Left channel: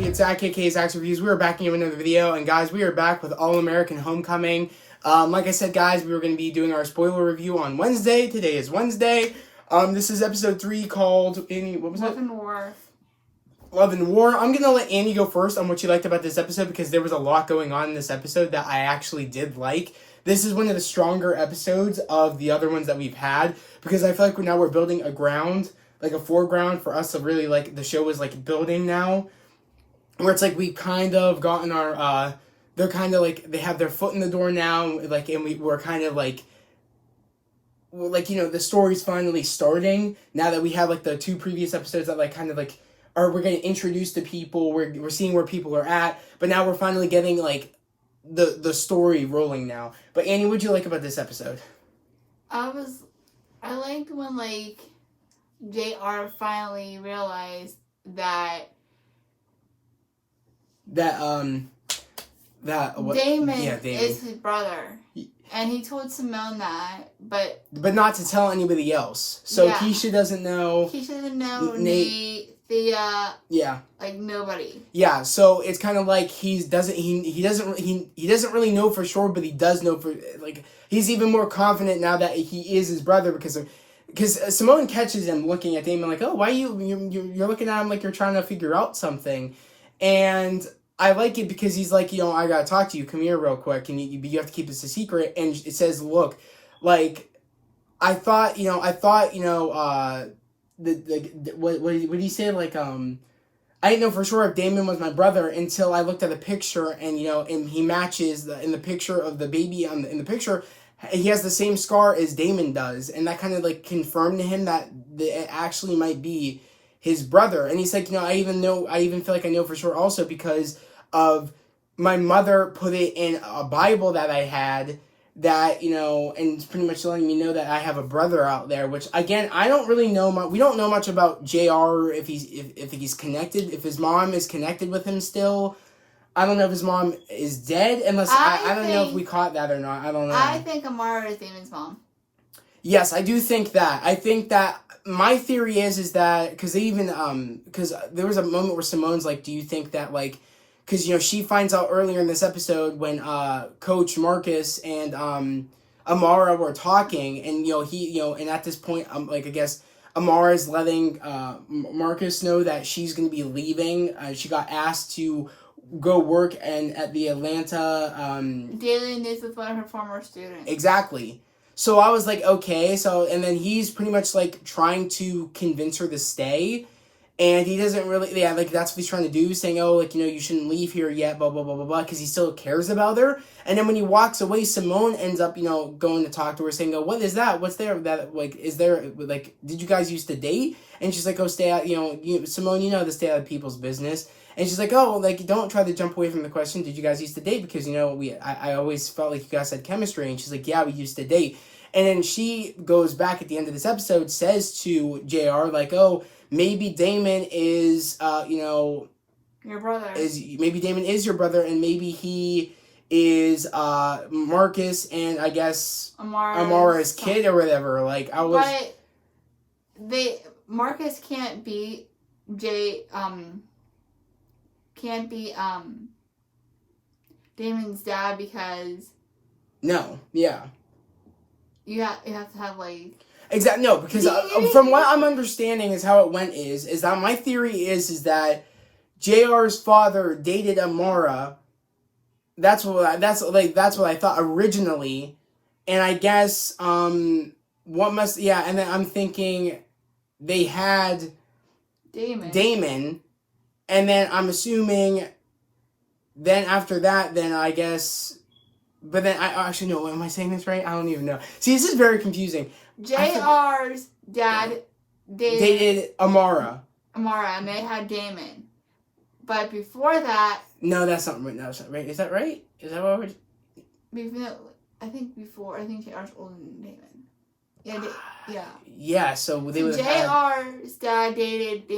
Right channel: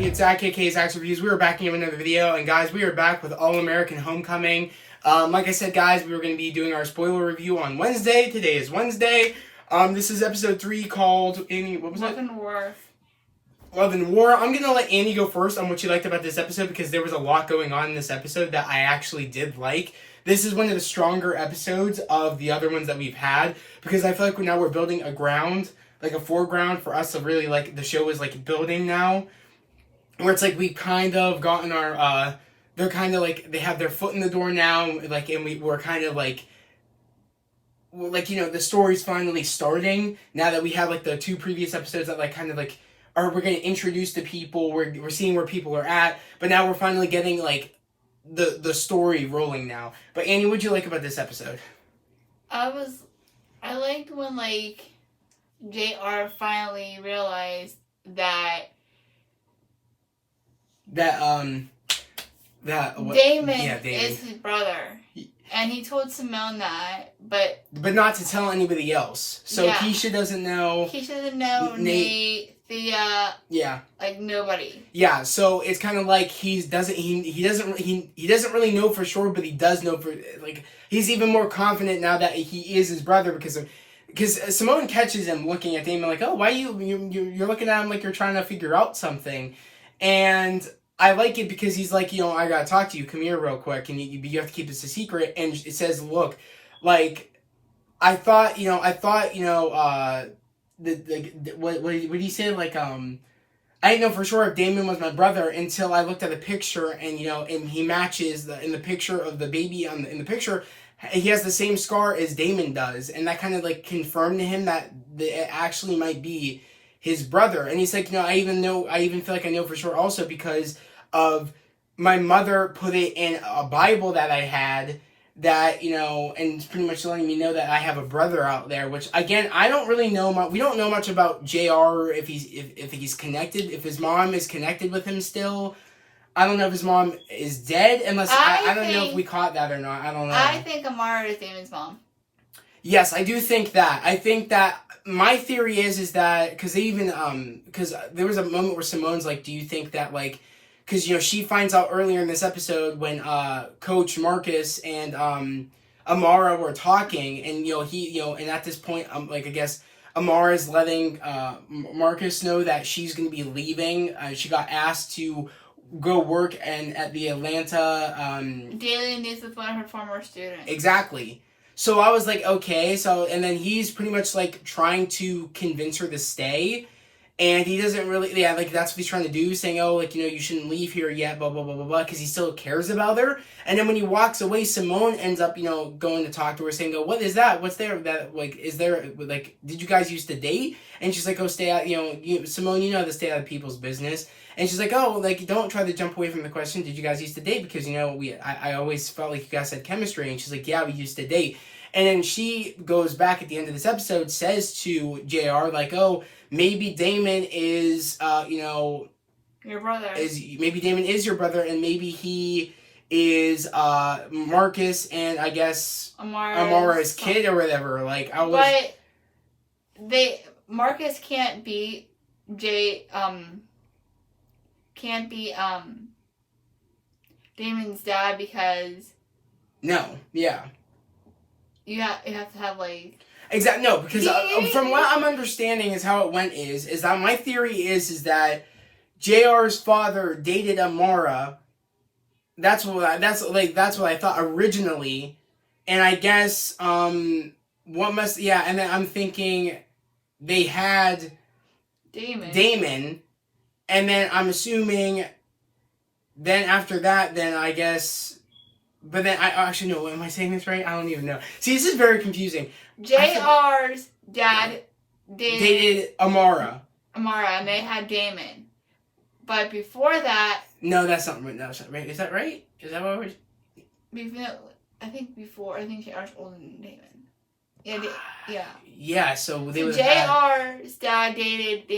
everybody? It's Zach, aka Zach's Reviews. We are back in another video, and guys, we are back with All American Homecoming. Like I said, guys, we were going to be doing our spoiler review on Wednesday. Today is Wednesday. This is episode 3 called, Amy, what was Love it? and War. Love and War. I'm going to let Annie go first on what you liked about this episode, because there was a lot going on in this episode that I actually did like. This is one of the stronger episodes of the other ones that we've had, because I feel like now we're building a ground, like a foreground for us to really, like, the show is, like, building now, where it's, like, we've kind of gotten our, they're kind of, like, they have their foot in the door now, like, and we're kind of, like, you know, the story's finally starting, now that we have, like, the 2 previous episodes that, like, kind of, like, we're getting introduced to people, we're seeing where people are at, but now we're finally getting, like, the story rolling now. But Annie, what'd you like about this episode? I liked when, like, JR finally realized that Damon is his brother. And he told Simone that, but not to tell anybody else. So yeah. Keisha doesn't know. Keisha doesn't know, Nate, Thea, yeah, like nobody. Yeah, so it's kind of like he doesn't really know for sure, but he does know for, like, he's even more confident now that he is his brother, because Simone catches him looking at Damon like, oh, why you're looking at him like you're trying to figure out something, and I like it because he's like, you know, I gotta talk to you, come here real quick, and you have to keep this a secret, and it says, look, like, I thought, what did he say, like, I didn't know for sure if Damon was my brother until I looked at the picture, and, you know, and he matches in the picture of the baby in the picture, he has the same scar as Damon does, and that kind of, like, confirmed to him that it actually might be his brother. And he's like, you know, I even feel like I know for sure also because of my mother put it in a Bible that I had, that, you know, and it's pretty much letting me know that I have a brother out there, which, again, I don't really know we don't know much about JR, if he's connected, if his mom is connected with him still. I don't know if his mom is dead, unless, I don't know if we caught that or not, I don't know. I think Amara is Damon's mom. Yes, I do think that. I think that, my theory is that, because they even, because there was a moment where Simone's like, do you think that, like, because, you know, she finds out earlier in this episode when Coach Marcus and Amara were talking, and, you know, and at this point, like, I guess Amara's letting Marcus know that she's going to be leaving. She got asked to go work at the Atlanta Daily News with one of her former students. Exactly. So I was like, okay, and then he's pretty much, like, trying to convince her to stay, and he doesn't really, like, that's what he's trying to do, saying, oh, like, you know, you shouldn't leave here yet, blah, blah, blah, blah, blah, because he still cares about her. And then when he walks away, Simone ends up, you know, going to talk to her, saying, oh, what is that? What's there? That, like, is there, like, did you guys used to date? And she's like, oh, stay out, you know, Simone, you know, to stay out of people's business. And she's like, oh, like, don't try to jump away from the question, did you guys used to date? Because, you know, I always felt like you guys had chemistry. And she's like, yeah, we used to date. And then she goes back at the end of this episode, says to JR, like, oh, maybe Damon is, you know, your brother. Maybe Damon is your brother, and maybe he is Marcus and, I guess, Amara's kid or whatever. Like, I was... But Marcus can't be Damon's dad because... No, yeah. You have to have, like... Exactly, no, because from what I'm understanding is how it went is that my theory is that JR's father dated Amara. That's what I thought originally, and I guess and then I'm thinking they had Damon, and then I'm assuming then after that, then I guess. But then, I actually, no, am I saying this right? I don't even know. See, this is very confusing. JR's dad dated Amara. And they had Damon. But before that... No, that's not right. No, that's not right. Is that right? Is that what we're... I think JR's older than Damon. Yeah. Yeah, so they would JR's dad dated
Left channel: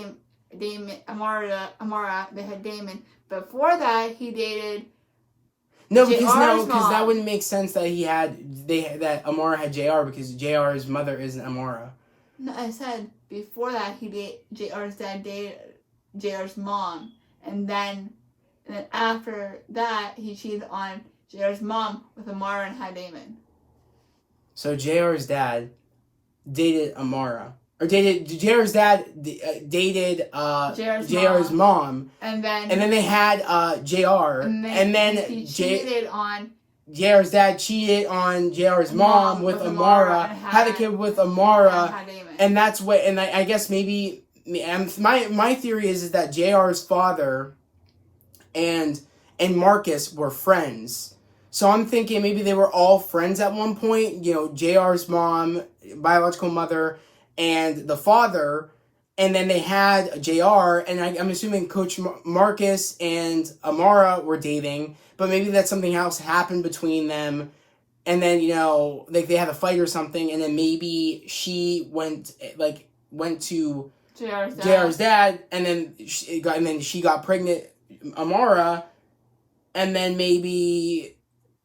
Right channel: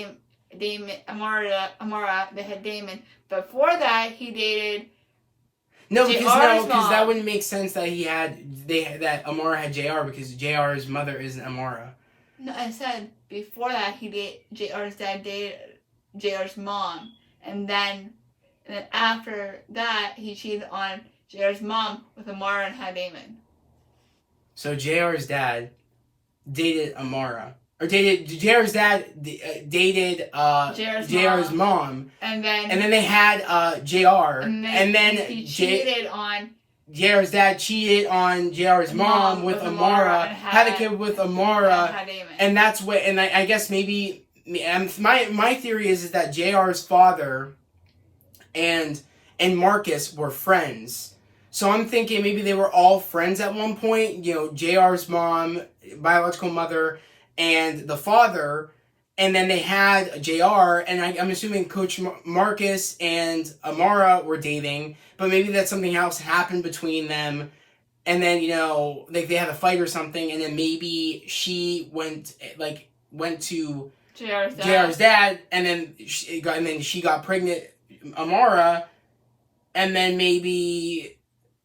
Damon, Amara, they had Damon. Before that, he dated... No, because that wouldn't make sense that that Amara had JR, because JR's mother isn't Amara. No, I said before that JR's dad dated JR's mom, and then after that, he cheated on JR's mom with Amara and had Damon. So JR's dad dated Amara. Or JR's dad dated JR's mom. And then they had JR. And then he cheated on... JR's dad cheated on JR's mom with Amara, had a kid with Amara, and that's what. And I guess maybe my theory is that JR's father and Marcus were friends. So I'm thinking maybe they were all friends at one point. You know, JR's mom, biological mother, and the father, and then they had JR, and I'm assuming Coach Marcus and Amara were dating. But maybe that something else happened between them, and then, you know, like they had a fight or something, and then maybe she went to JR's dad, and then she got pregnant, Amara, and then maybe,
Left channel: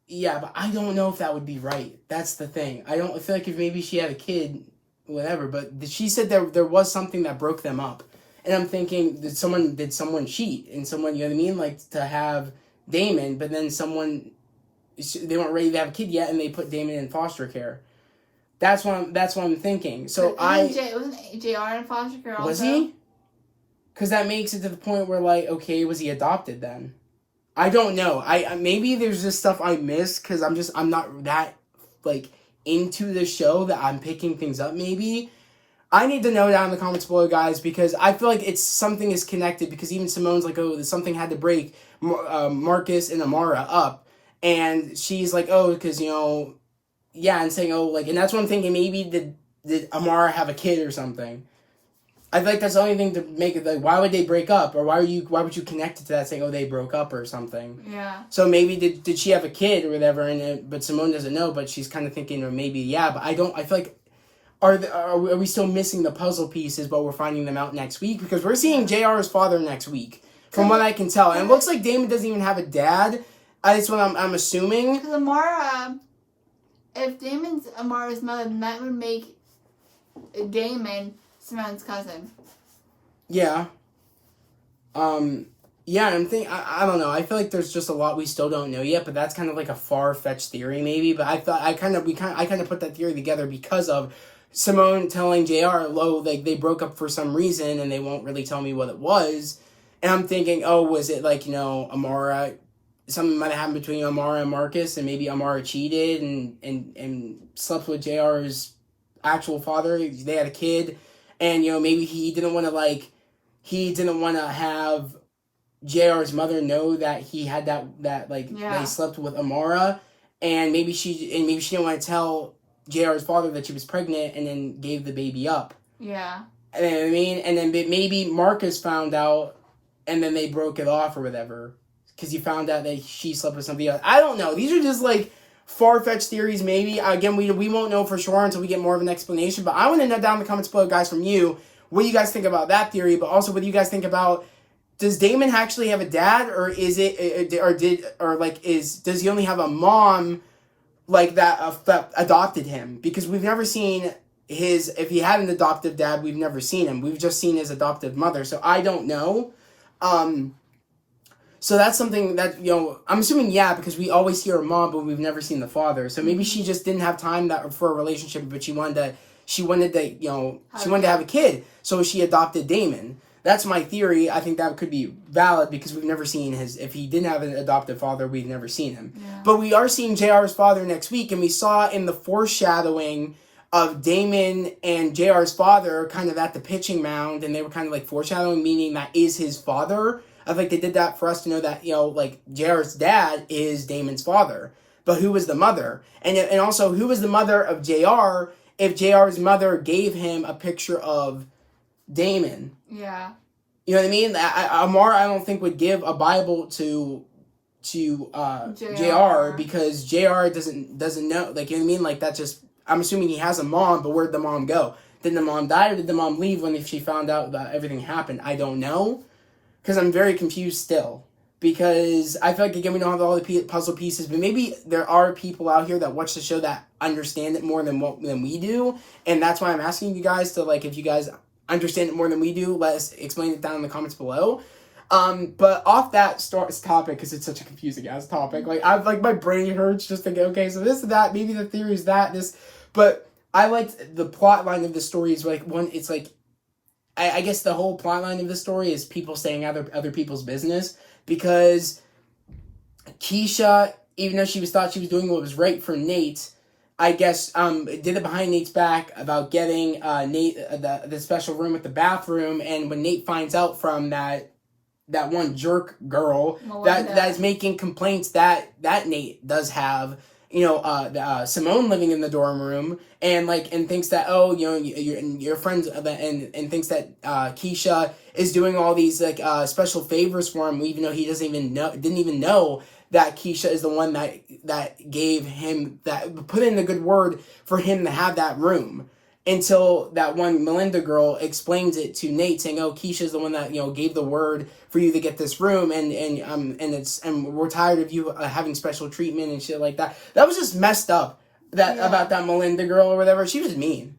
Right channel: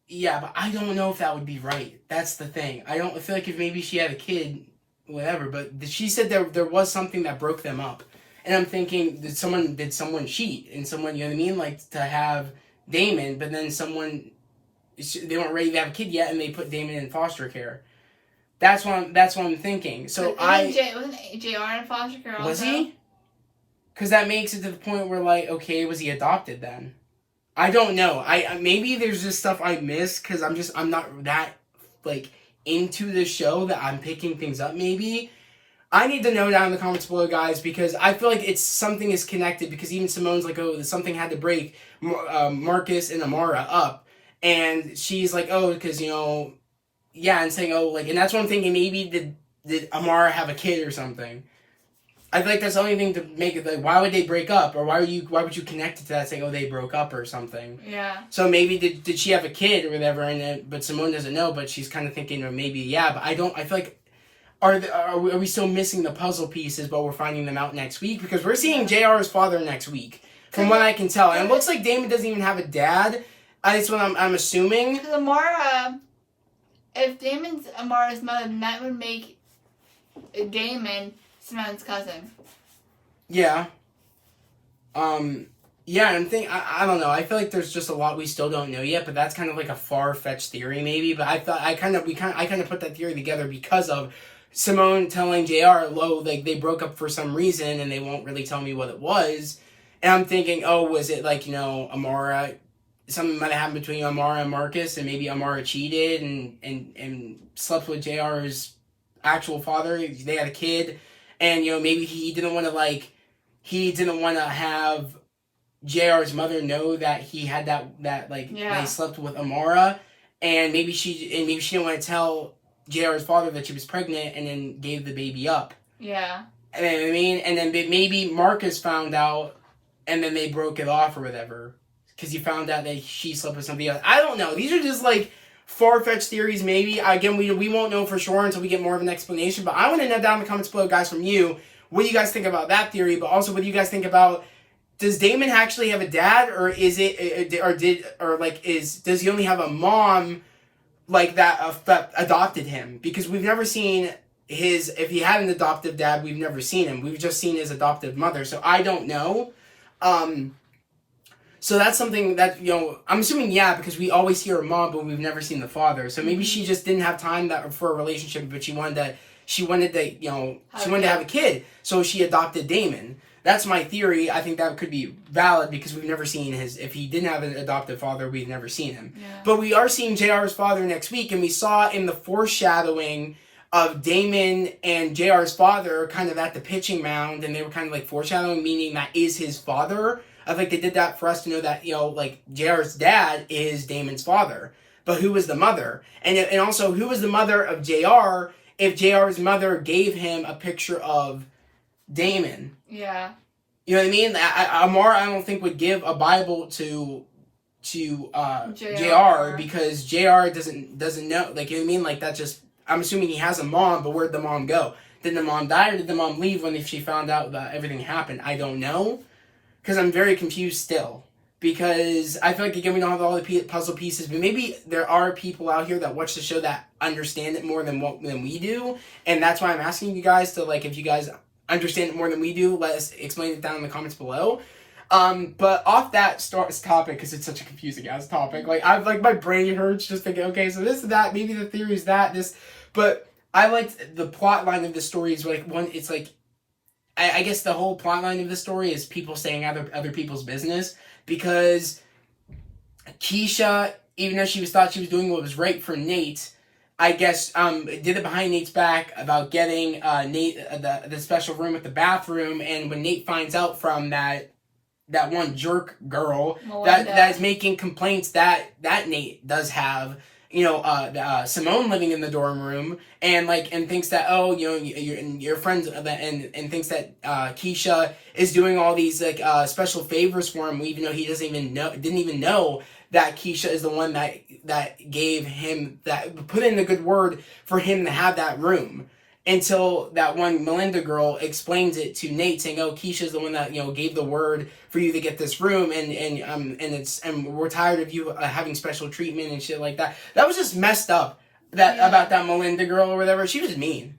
yeah, but I don't know if that would be right. That's the thing. I feel like if maybe she had a kid, whatever, but she said there was something that broke them up, and I'm thinking, did someone cheat, and someone, you know what I mean, like to have Damon, but then they weren't ready to have a kid yet, and they put Damon in foster care. That's what I'm thinking. So wasn't JR in foster care also? Was he? Because that makes it to the point where, like, okay, was he adopted then? I don't know. I maybe there's just stuff I missed because I'm not that like into the show that I'm picking things up. Maybe I need to know down in the comments below, guys, because I feel like something is connected, because even Simone's like, oh, something had to break Marcus and Amara up, and she's like, oh, because, you know, yeah, and saying, oh, like, and that's what I'm thinking, maybe did Amara have a kid or something? I feel like that's the only thing to make it, like, why would they break up, or why would you connect it to that, saying, oh, they broke up or something? Yeah. So maybe did she have a kid or whatever, but Simone doesn't know, but she's kind of thinking, or maybe, yeah, but I feel like, are we still missing the puzzle pieces, but we're finding them out next week? Because we're seeing JR's father next week, from what I can tell. And it looks like Damon doesn't even have a dad. That's what I'm assuming. Because Amara, if Damon's Amara's mother, then that would make Damon Simone's cousin. Yeah. Yeah, I'm thinking, I don't know. I feel like there's just a lot we still don't know yet, but that's kind of like a far-fetched theory, maybe. But I thought I kind of put that theory together because of Simone telling JR, oh, like they broke up for some reason, and they won't really tell me what it was. And I'm thinking, oh, was it like, you know, Amara? Something might have happened between Amara and Marcus, and maybe Amara cheated and slept with JR's actual father. They had a kid, and, you know, maybe he didn't want to have JR's mother know that he had that he slept with Amara, and maybe she didn't want to tell JR's father that she was pregnant, and then gave the baby up. Yeah. You know what I mean? And then maybe Marcus found out, and then they broke it off or whatever, because he found out that she slept with somebody else. I don't know. These are just like far-fetched theories, maybe. Again, we won't know for sure until we get more of an explanation, but I want to know down in the comments below, guys, from you, what do you guys think about that theory, but also what do you guys think about, does Damon actually have a dad, or does he only have a mom like that adopted him? Because we've never seen if he had an adoptive dad, we've never seen him. We've just seen his adoptive mother. So I don't know. So that's something that, you know, I'm assuming, yeah, because we always hear a mom, but we've never seen the father. So maybe she just didn't have time for a relationship, but she wanted to have a kid. So she adopted Damon. That's my theory. I think that could be valid because we've never seen if he didn't have an adoptive father, we've never seen him. Yeah. But we are seeing JR's father next week, and we saw in the foreshadowing of Damon and JR's father kind of at the pitching mound, and they were kind of like foreshadowing, meaning that is his father. I think they did that for us to know that, you know, like JR's dad is Damon's father. But who was the mother? And also, who was the mother of JR if JR's mother gave him a picture of Damon? Yeah. You know what I mean? Amara, I don't think, would give a Bible to JR because JR doesn't know. Like, you know what I mean? Like, that just, I'm assuming he has a mom, but where'd the mom go? Did the mom die, or did the mom leave if she found out that everything happened? I don't know. Because I'm very confused still. Because I feel like, again, we don't have all the puzzle pieces, but maybe there are people out here that watch the show that understand it more than we do. And that's why I'm asking you guys to, like, if you guys understand it more than we do, let us explain it down in the comments below. But off that topic, because it's such a confusing ass topic, like I've like my brain hurts just thinking, okay, so this is that, maybe the theory is that this, but I liked the plot line of the story is like one. It's like I guess the whole plot line of the story is people saying other people's business because Keisha, even though thought she was doing what was right for Nate, I guess did it behind Nate's back about getting Nate the special room with the bathroom, and when Nate finds out from that one jerk girl that is making complaints that Nate does have, Simone living in the dorm room and thinks that your friends and thinks that Keisha is doing all these special favors for him, even though he didn't even know that Keisha is the one that gave him put in the good word for him to have that room. Until that one Melinda girl explains it to Nate, saying, "Oh, Keisha's the one that gave the word for you to get this room, and we're tired of you having special treatment and shit like that." That was just messed up. About that Melinda girl or whatever. She was mean.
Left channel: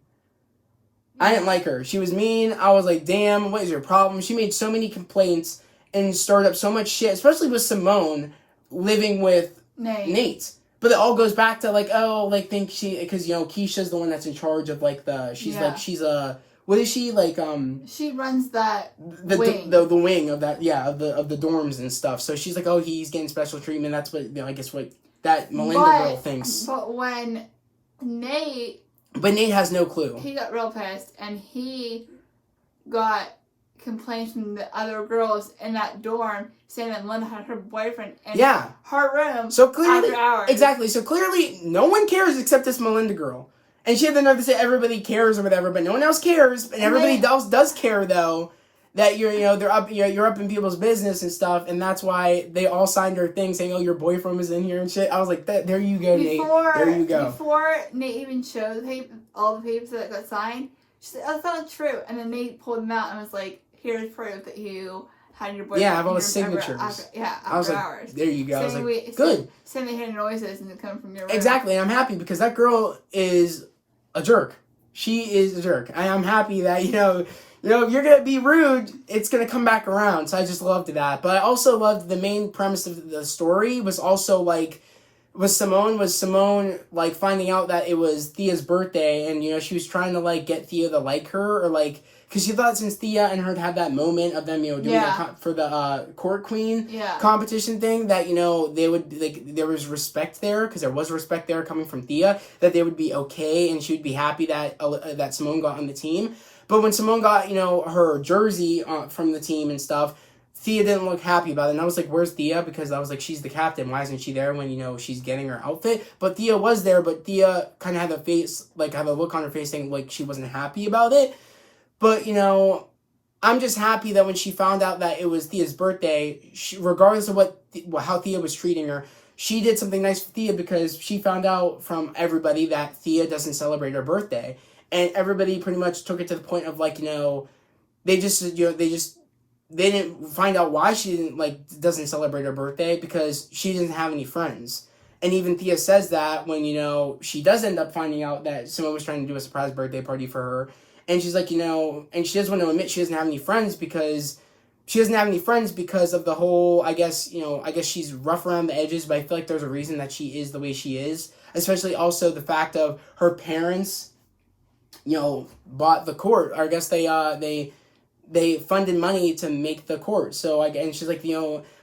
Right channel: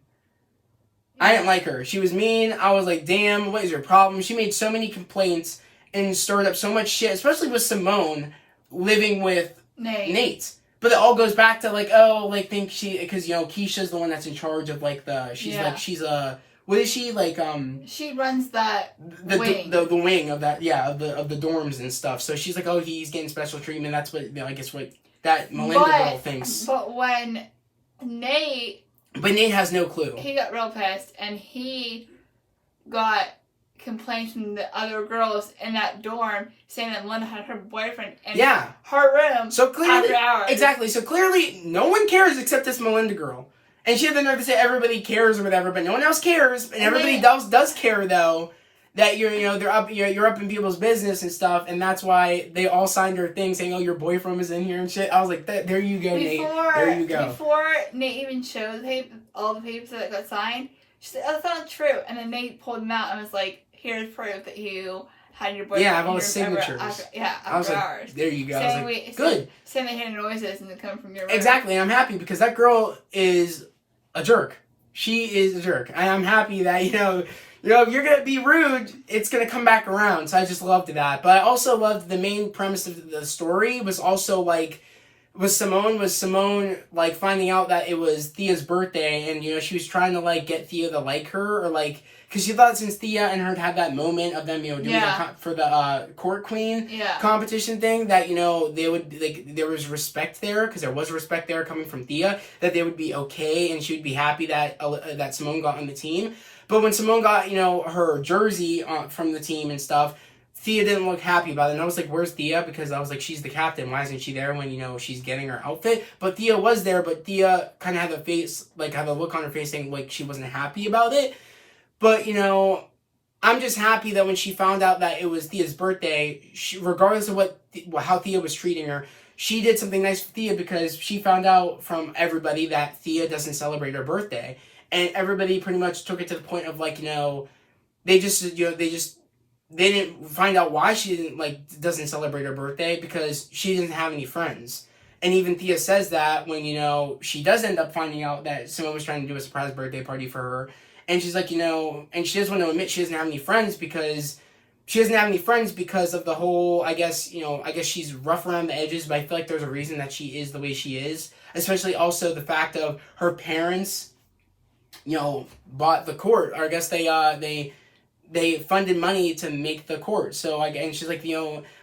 I didn't like her. She was mean. I was like, "Damn, what is your problem?" She made so many complaints and stirred up so much shit, especially with Simone living with Nate. But it all goes back to think because Keisha's the one that's in charge of she's what is she she runs that wing. The wing of that of the dorms and stuff. So she's like, oh, he's getting special treatment. That's what I guess what that Melinda girl thinks. But when Nate has no clue. He got real pissed and he got complaints from the other girls in that dorm saying that Melinda had her boyfriend in her room so clearly, after hours. Exactly. So clearly no one cares except this Melinda girl. And she had the nerve to say everybody cares or whatever, but no one else cares. And everybody else does care though that you're up in people's business and stuff, and that's why they all signed her thing saying, "Oh, your boyfriend was in here and shit." I was like, "There you go, Nate. There you go." Before Nate even showed all the papers that got signed, she said, "Oh, that's not true." And then Nate pulled them out and was like, "Here's proof that you had your boyfriend." Yeah, I have all the signatures. After I was like, hours. there you go. I was like, good. Saying they hear noises and they come from your room. Exactly. I'm happy because that girl is a jerk. She is a jerk. I am happy that, if you're going to be rude, it's going to come back around. So I just loved that. But I also loved the main premise of the story was also was Simone finding out that it was Thea's birthday and, she was trying to get Thea to like her or because she thought since Thea and her had that moment of them, doing for the court queen competition thing, that, they would, there was respect there, because there was respect there coming from Thea, that they would be okay, and she would be happy that that Simone got on the team. But when Simone got, her jersey from the team and stuff, Thea didn't look happy about it. And I was like, where's Thea? Because I was like, she's the captain. Why isn't she there when, she's getting her outfit? But Thea was there, but Thea kind of had the face, had the look on her face saying, she wasn't happy about it. But, I'm just happy that when she found out that it was Thea's birthday, regardless of how Thea was treating her, she did something nice for Thea because she found out from everybody that Thea doesn't celebrate her birthday. And everybody pretty much took it to the point of they didn't find out why she didn't doesn't celebrate her birthday because she didn't have any friends. And even Thea says that when, she does end up finding out that someone was trying to do a surprise birthday party for her. And she's like, and she doesn't want to admit she doesn't have any friends because of the whole, I guess she's rough around the edges, but I feel like there's a reason that she is the way she is. Especially also the fact of her parents, bought the court, or I guess they funded money to make the court. So and she's like,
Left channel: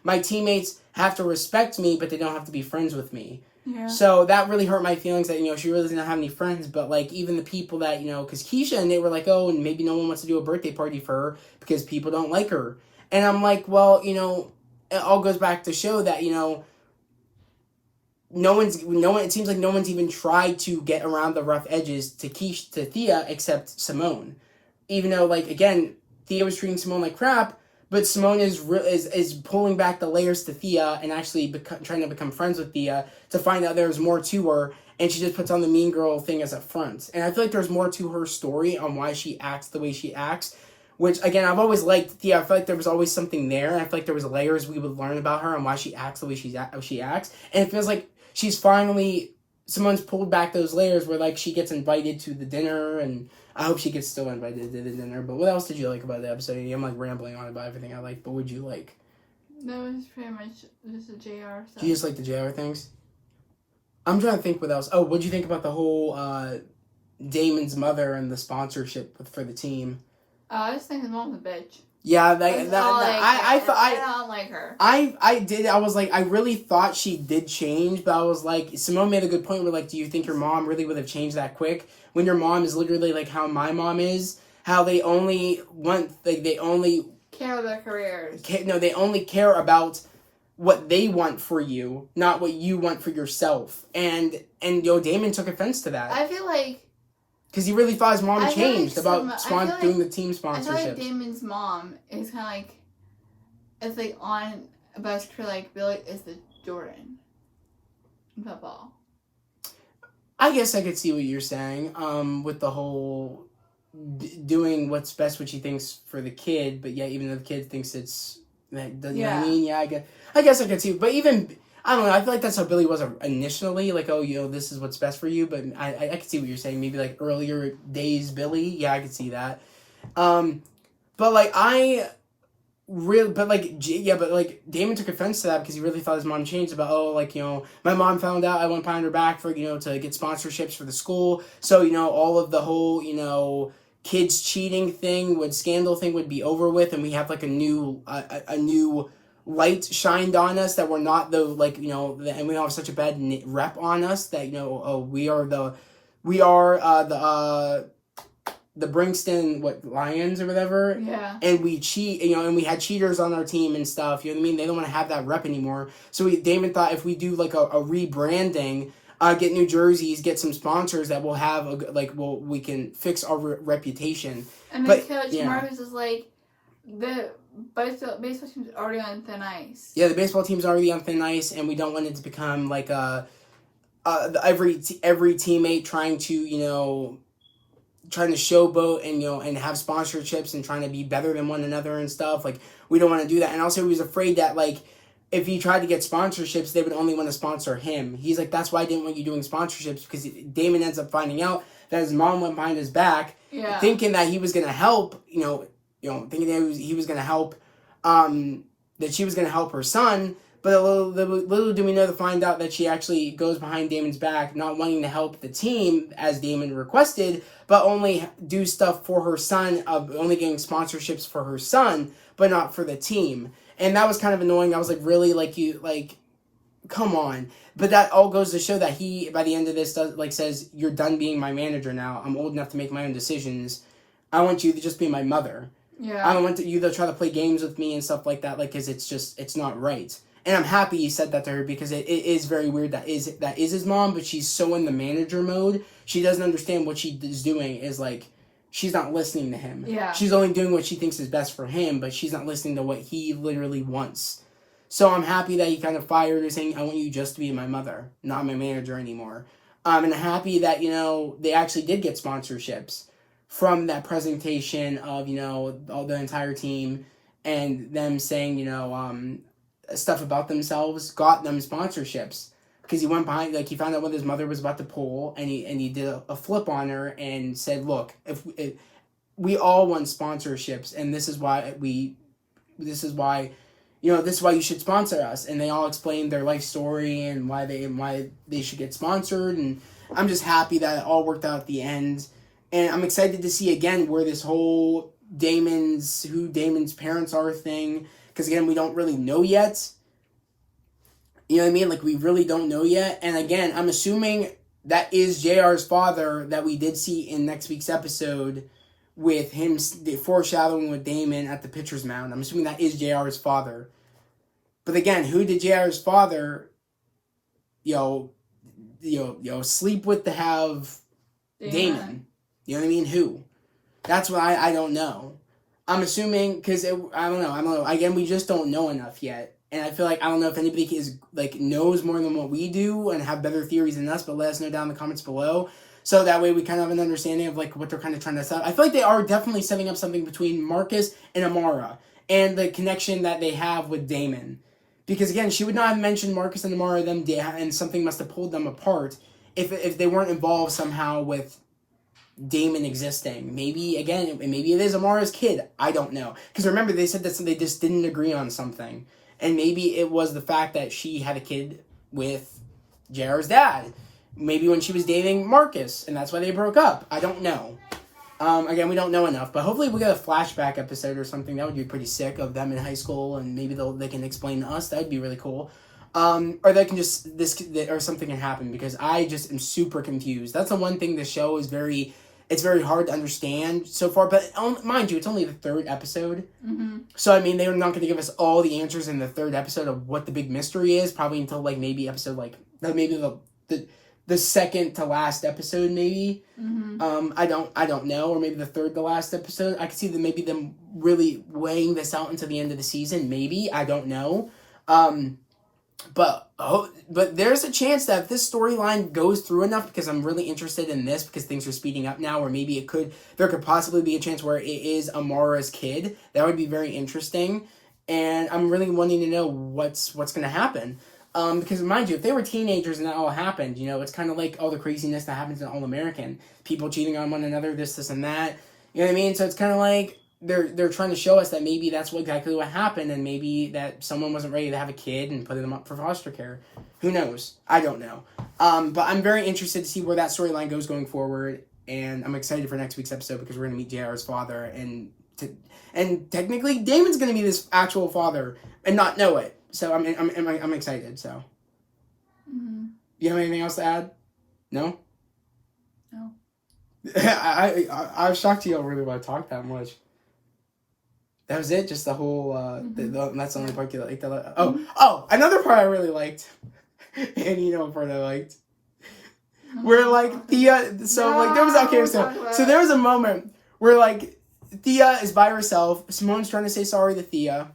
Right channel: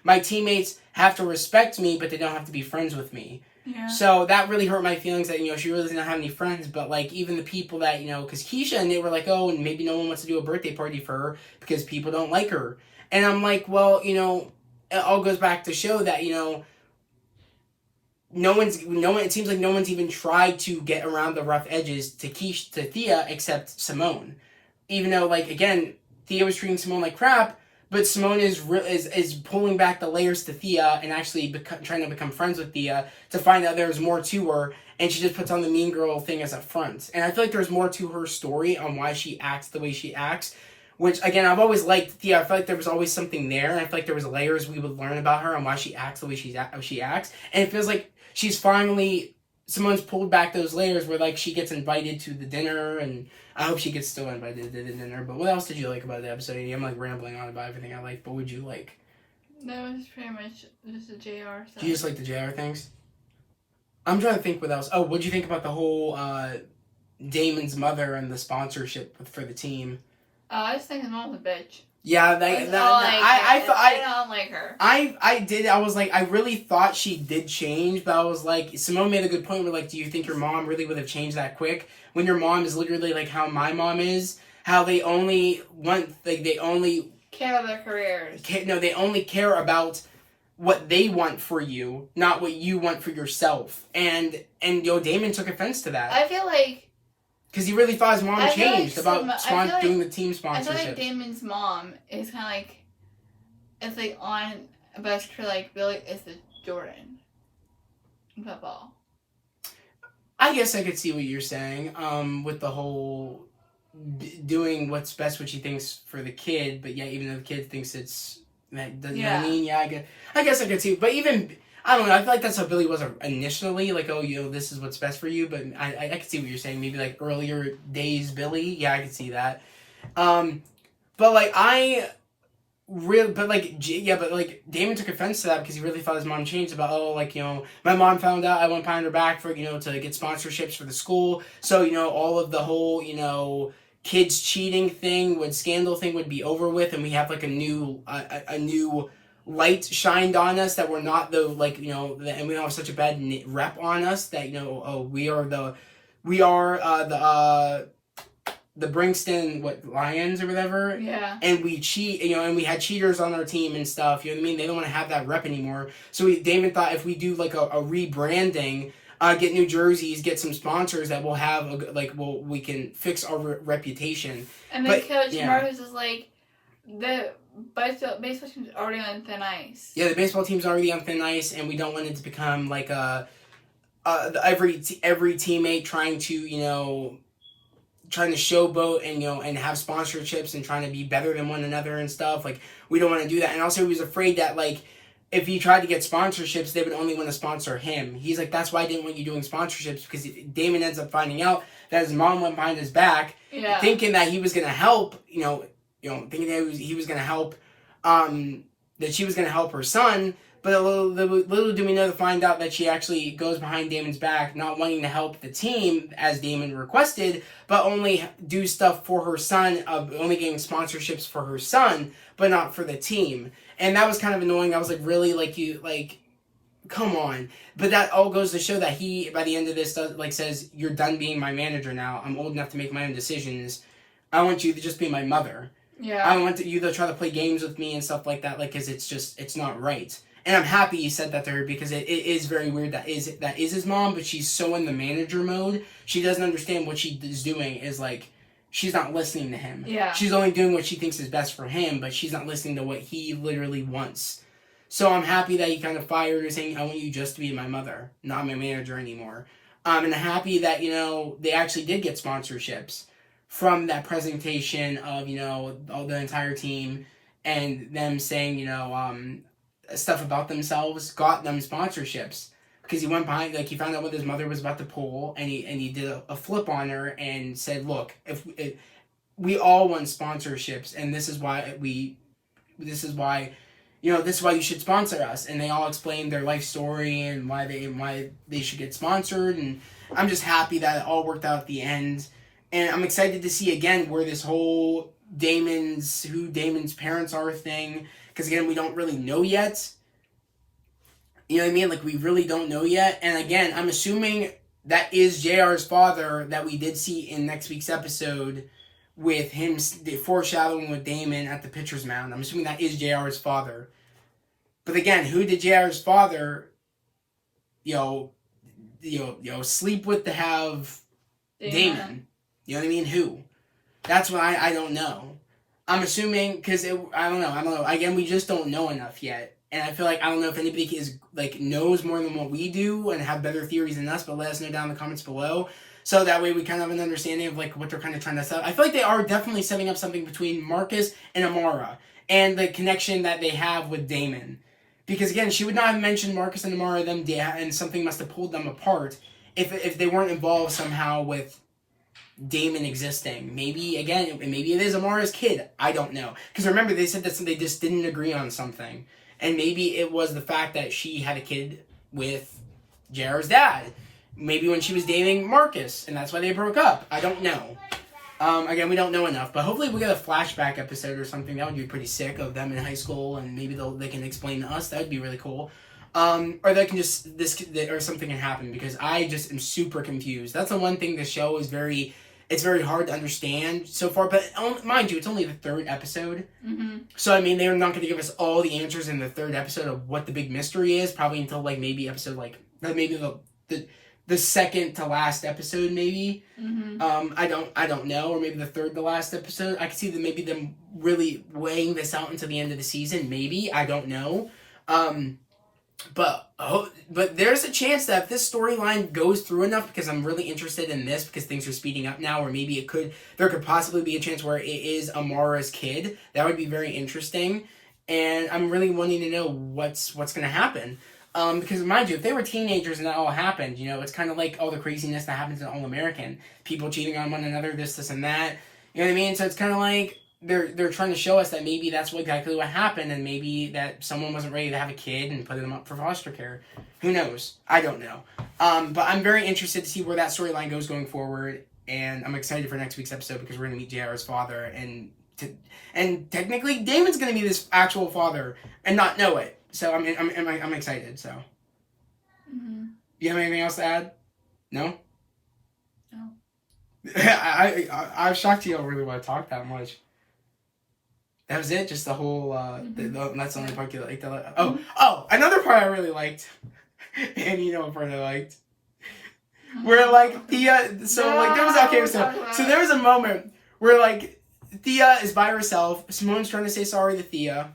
my teammates have to respect me, but they don't have to be friends with me. Yeah. So that really hurt my feelings that, she really doesn't have any friends, but even the people that, because Keisha and they were like, oh, and maybe no one wants to do a birthday party for her because people don't like her. And I'm like, well, it all goes back to show that, it seems like no one's even tried to get around the rough edges to Thea except Simone. Even though, again, Thea was treating Simone like crap, but Simone is pulling back the layers to Thea and actually trying to become friends with Thea to find out there's more to her, and she just puts on the mean girl thing as a front. And I feel like there's more to her story on why she acts the way she acts, which, again, I've always liked Thea. I feel like there was always something there, and I feel like there was layers we would learn about her and why she acts the way she acts. And it feels like she's finally Simone's pulled back those layers where like she gets invited to the dinner, and I hope she gets still invited to the dinner. But what else did you like about the episode? I'm like rambling on about everything I like, but would you like? That was pretty much just the JR stuff. Do you just like the JR things? I'm trying to think what else. Oh, what'd you think about the whole Damon's mother and the sponsorship for the team? I just think his mom's a bitch. Yeah, I don't like her. I did. I was like, I really thought she did change, but I was like, Simone made a good point. Where like, do you think your mom really would have changed that quick? When your mom is literally like how my mom is, how they only want like they only care about their careers. No, they only care about what they want for you, not what you want for yourself. And Damon took offense to that. I feel like. Because he really thought his mom changed about doing the team sponsorship. I feel like Damon's mom is kind of like, it's like on about his career like Billy is the Jordan in football. I guess I could see what you're saying with the whole doing what's best, what she thinks for the kid, but yeah, even though the kid thinks it's, you know what I mean? Yeah, I guess I could see, but even... I don't know, I feel like that's how Billy was initially, like, oh, this is what's best for you, but I could see what you're saying, maybe, like, earlier days Billy, yeah, I could see that, but, like, Damon took offense to that because he really thought his mom changed about, my mom found out I went behind her back for, to get sponsorships for the school, so, all of the whole, kids cheating scandal thing would be over with, and we have, like, a new light shined on us that we're not and we don't have such a bad rep on us that we are the Brinkston Lions or whatever, and we cheat, and we had cheaters on our team and stuff, you know what I mean? They don't want to have that rep anymore, so Damon thought if we do like a rebranding, get new jerseys, get some sponsors that will have we can fix our reputation. And then Coach Marcus is like baseball team's already on thin ice. Yeah, the baseball team's already on thin ice, and we don't want it to become like every teammate trying to showboat and have sponsorships and trying to be better than one another and stuff. Like, we don't want to do that. And also, he was afraid that like if he tried to get sponsorships, they would only want to sponsor him. He's like, that's why I didn't want you doing sponsorships, because Damon ends up finding out that his mom went behind his back, thinking that he was gonna help. Thinking that he was going to help, that she was going to help her son, but little do we know to find out that she actually goes behind Damon's back, not wanting to help the team as Damon requested, but only do stuff for her son, only getting sponsorships for her son, but not for the team. And that was kind of annoying. I was like, really? Come on. But that all goes to show that he, by the end of this, says, you're done being my manager now. I'm old enough to make my own decisions. I want you to just be my mother. Yeah. I don't want you to try to play games with me and stuff like that, because it's not right. And I'm happy he said that to her, because it is very weird that is his mom, but she's so in the manager mode, she doesn't understand what she is doing is like, she's not listening to him. Yeah. She's only doing what she thinks is best for him, but she's not listening to what he literally wants. So I'm happy that he kind of fired her, saying, I want you just to be my mother, not my manager anymore. And I'm happy that, they actually did get sponsorships from that presentation of, all the entire team, and them saying, stuff about themselves, got them sponsorships. Because he went behind, he found out when his mother was about to pull, and he did a flip on her and said, look, if we all want sponsorships, and this is why you should sponsor us. And they all explained their life story and why they should get sponsored, and I'm just happy that it all worked out at the end. And I'm excited to see again where this whole who Damon's parents are thing, because again, we don't really know yet. You know what I mean? We really don't know yet. And again, I'm assuming that is JR's father that we did see in next week's episode with him, the foreshadowing with Damon at the pitcher's mound. I'm assuming that is JR's father. But again, who did JR's father, sleep with to have Damon? You know what I mean? Who? That's what I don't know. I'm assuming, because I don't know. Again, we just don't know enough yet. And I feel like, I don't know if anybody is knows more than what we do and have better theories than us, but let us know down in the comments below. So that way we kind of have an understanding of what they're kind of trying to set up. I feel like they are definitely setting up something between Marcus and Amara, and the connection that they have with Damon. Because again, she would not have mentioned Marcus and Amara, and something must have pulled them apart. if they weren't involved somehow with Damon existing. Maybe it is Amara's kid. I don't know. Because remember, they said that they just didn't agree on something. And maybe it was the fact that she had a kid with JR's dad. Maybe when she was dating Marcus, and that's why they broke up. I don't know. Again, we don't know enough, but hopefully we get a flashback episode or something. That would be pretty sick of them in high school, and maybe they can explain to us. That would be really cool. Or they can just, or something can happen, because I just am super confused. That's the one thing the show is it's very hard to understand so far, but mind you, it's only the 3rd episode. Mm-hmm. So, I mean, they're not going to give us all the answers in the 3rd episode of what the big mystery is, probably until, like, maybe episode, like, maybe the second to last episode, maybe. Mm-hmm. I don't know, or maybe the 3rd to last episode. I could see maybe them really weighing this out until the end of the season, maybe. I don't know. But there's a chance that if this storyline goes through enough, because I'm really interested in this, because things are speeding up now, or maybe there could possibly be a chance where it is Amara's kid. That would be very interesting, and I'm really wanting to know what's going to happen. Because mind you, if they were teenagers and that all happened, it's kind of like all the craziness that happens in All American, people cheating on one another, this and that. You know what I mean? So it's kind of like they're trying to show us that maybe that's exactly what happened, and maybe that someone wasn't ready to have a kid and put them up for foster care. Who knows? I don't know. But I'm very interested to see where that storyline goes going forward, and I'm excited for next week's episode because we're going to meet JR's father, and technically Damon's going to be this actual father and not know it. So I'm excited. So, You have anything else to add? No. No. I was shocked you don't really want to talk that much. That was it? Just the whole, that's the only part you liked? Oh, another part I really liked, and you know what part I liked, where, like, Thea, there was a moment where, like, Thea is by herself, Simone's trying to say sorry to Thea,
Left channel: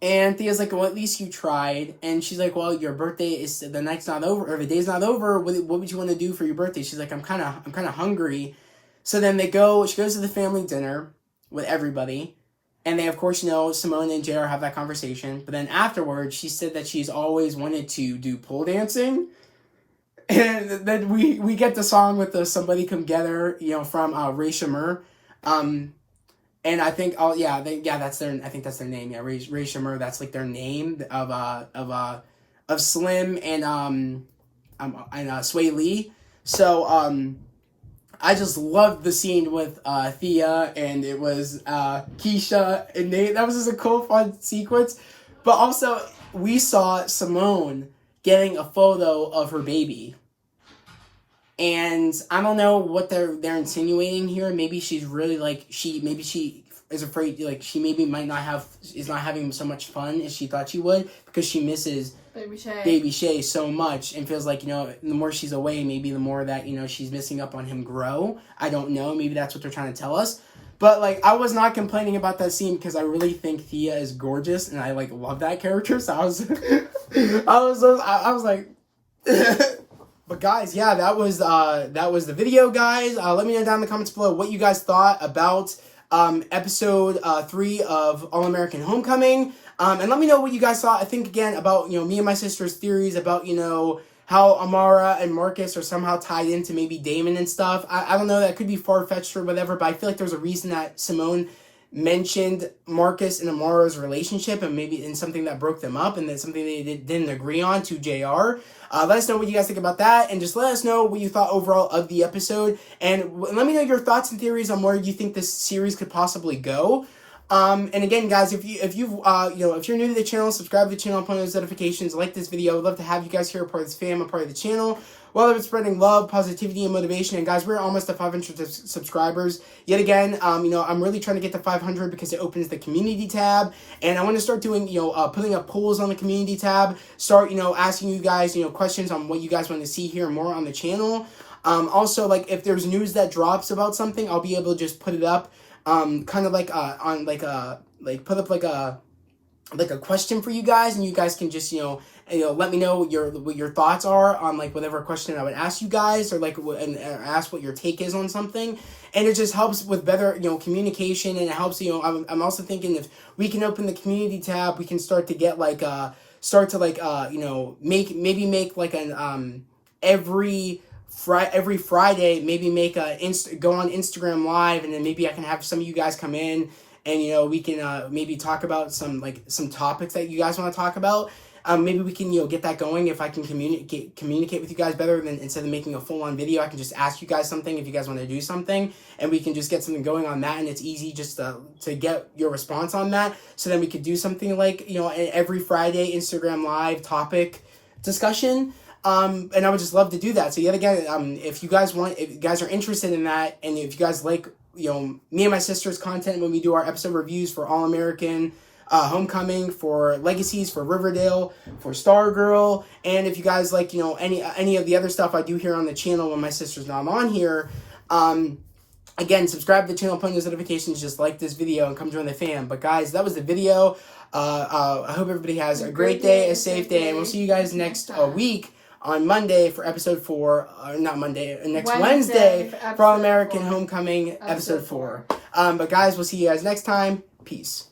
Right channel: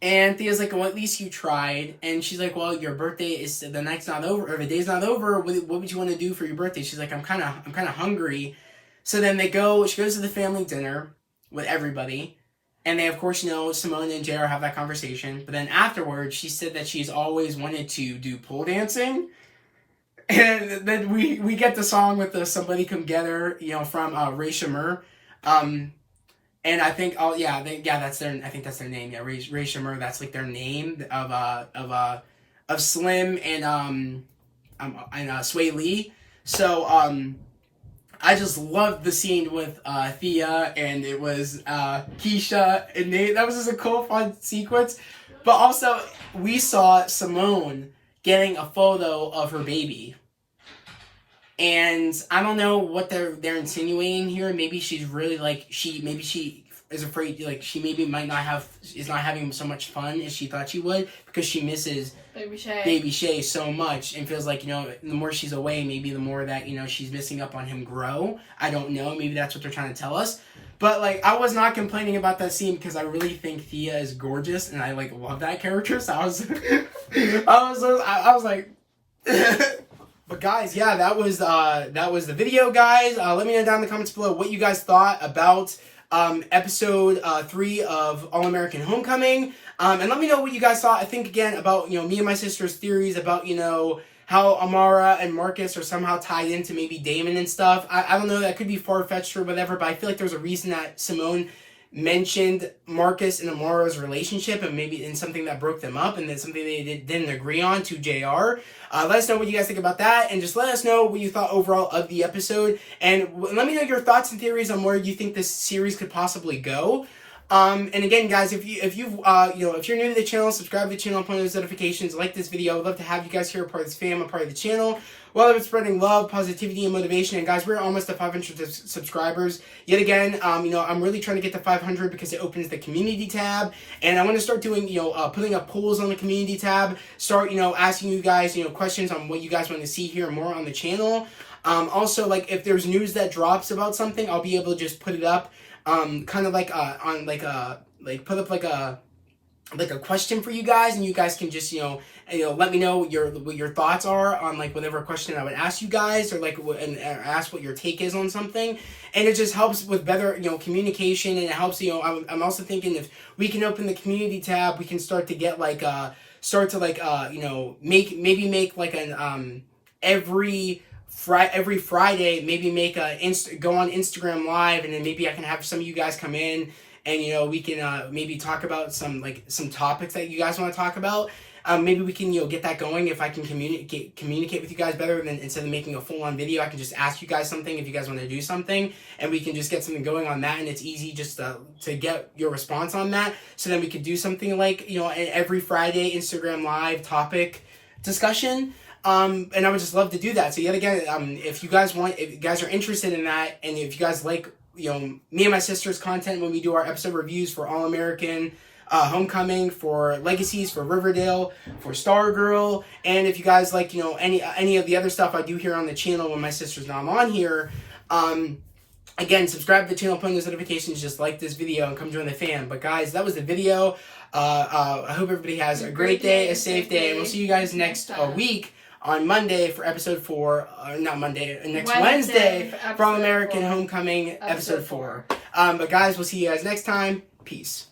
and Thea's like, well, at least you tried, and she's like, well, your birthday is, the night's not over, or the day's not over, what would you want to do for your birthday? She's like, I'm kind of hungry. So then she goes to the family dinner with everybody, and they, of course, Simone and JR have that conversation, but then afterwards, she said that she's always wanted to do pole dancing, and then we get the song with the Somebody Come Together, from Ray Shamir, and I think, that's their name, Ray Shamir, that's, like, their name of Slim and Sway Lee, so, I just loved the scene with Thea, and it was Keisha and Nate. That was just a cool, fun sequence. But also, we saw Simone getting a photo of her baby. And I don't know what they're insinuating here. Maybe she's really, like, she is afraid, like, she maybe is not having so much fun as she thought she would, because she misses Baby Shay so much, and feels like, the more she's away, maybe the more that, she's missing up on him grow. I don't know. Maybe that's what they're trying to tell us. But, like, I was not complaining about that scene because I really think Thea is gorgeous, and I, like, love that character. So I was like, but guys, yeah, that was the video, guys. Let me know down in the comments below what you guys thought about episode 3 of All American Homecoming. And let me know what you guys thought. I think, again, about, me and my sister's theories about, how Amara and Marcus are somehow tied into maybe Damon and stuff. I don't know, that could be far-fetched or whatever, but I feel like there's a reason that Simone mentioned Marcus and Amara's relationship, and maybe in something that broke them up, and then something they didn't agree on to JR. Let us know what you guys think about that, and just let us know what you thought overall of the episode, and let me know your thoughts and theories on where you think this series could possibly go. And again, guys, if you're new to the channel, subscribe to the channel, point those notifications, like this video. I'd love to have you guys here, a part of this fam, a part of the channel. Well, it's spreading love, positivity, and motivation. And guys, we're almost at 500 subscribers. Yet again, I'm really trying to get to 500 because it opens the community tab, and I want to start doing, putting up polls on the community tab. Start, asking you guys, questions on what you guys want to see here more on the channel. Also, like, if there's news that drops about something, I'll be able to just put it up. Kind of like on put up like a question for you guys, and you guys can just let me know what your thoughts are on, like, whatever question I would ask you guys, or like and ask what your take is on something, and it just helps with better communication, and it helps. I'm also thinking if we can open the community tab, we can start to get make like an every Friday, maybe go on Instagram Live, and then maybe I can have some of you guys come in, and you know, we can maybe talk about some topics that you guys want to talk about. Maybe we can, you know, get that going. If I can communicate with you guys better, than instead of making a full-on video, I can just ask you guys something if you guys want to do something, and we can just get something going on that, and it's easy just to get your response on that. So then we could do something like, you know, every Friday Instagram Live topic discussion. And I would just love to do that. So yet again, if you guys are interested in that, and if you guys like, you know, me and my sister's content when we do our episode reviews for All American, Homecoming, for Legacies, for Riverdale, for Stargirl, and if you guys like, you know, any of the other stuff I do here on the channel when my sister's not on here, again, subscribe to the channel, put on those notifications, just like this video, and come join the fam. But guys, that was the video. I hope everybody has a great day, a safe day, and we'll see you guys next week on Monday for episode 4, not Monday, next Wednesday for All American Homecoming episode 4. But guys, we'll see you guys next time. Peace.